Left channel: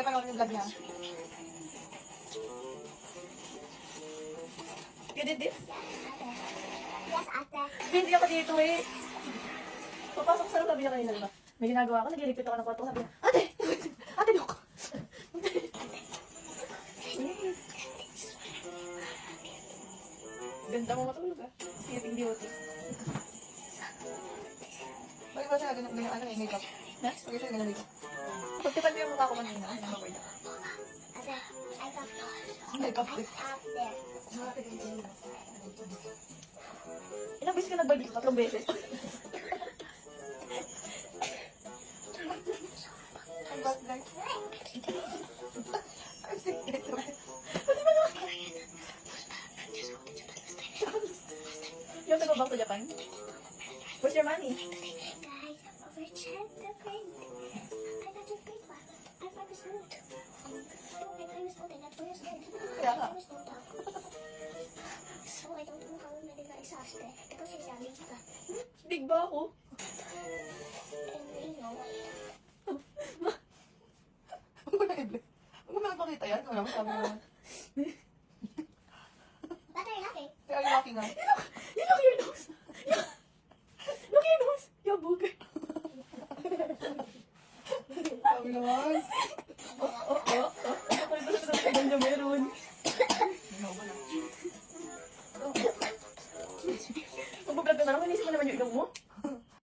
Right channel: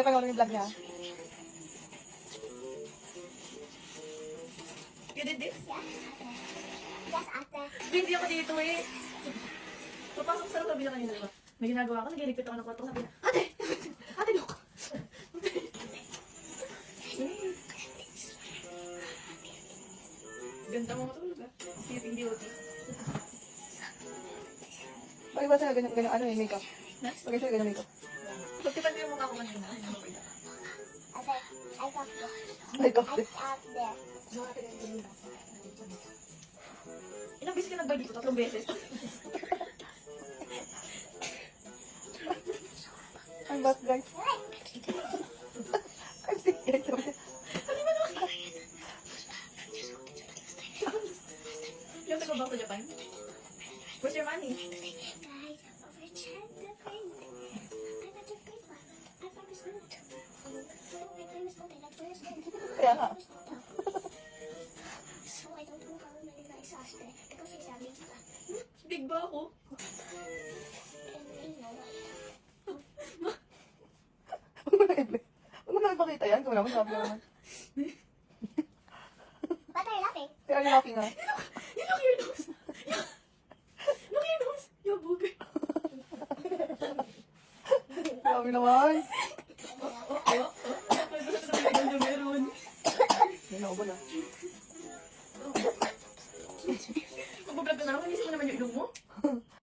ate pa yung vlog niya. You did this? Yes, ate. Busy ako dito eh. Papasok sa sabi niya kanina, diba? May ginagawa ako, nag-repeat ako ng kwarto. Sabi niya, ate! Ate, look! Ganda mo matulog ah. Sleeping beauty. Bakit ba siya ganun ano eh, makeup? Na? Bakit siya ganun makeup? Pagkipat mo yung mukha ko kanina. Ano mo ba? Ate, I got Makeup I din. out there. Ilang beses ka nagbalik? 3 beses. I'm back guys. I'm sick guys. Pati ba naman? Yung nag-back to Japan? Where's your money? Guys, overcheck the print. I got your paper. I promise you. I promise you that first day. Kaya ka. So I don't know how many guys asked it. Because he's having to Big ba ako? and you know Huwag mo na ipakita yan. Kung naman sabi naman. But they're laughing. Tira yung laki nga. You look your nose. Look your nose. Yung bugay. Sabi naman. Ano meron? Hindi na ako na. Pag-vlog ka na naman, inisip mo naman yung ilong mo.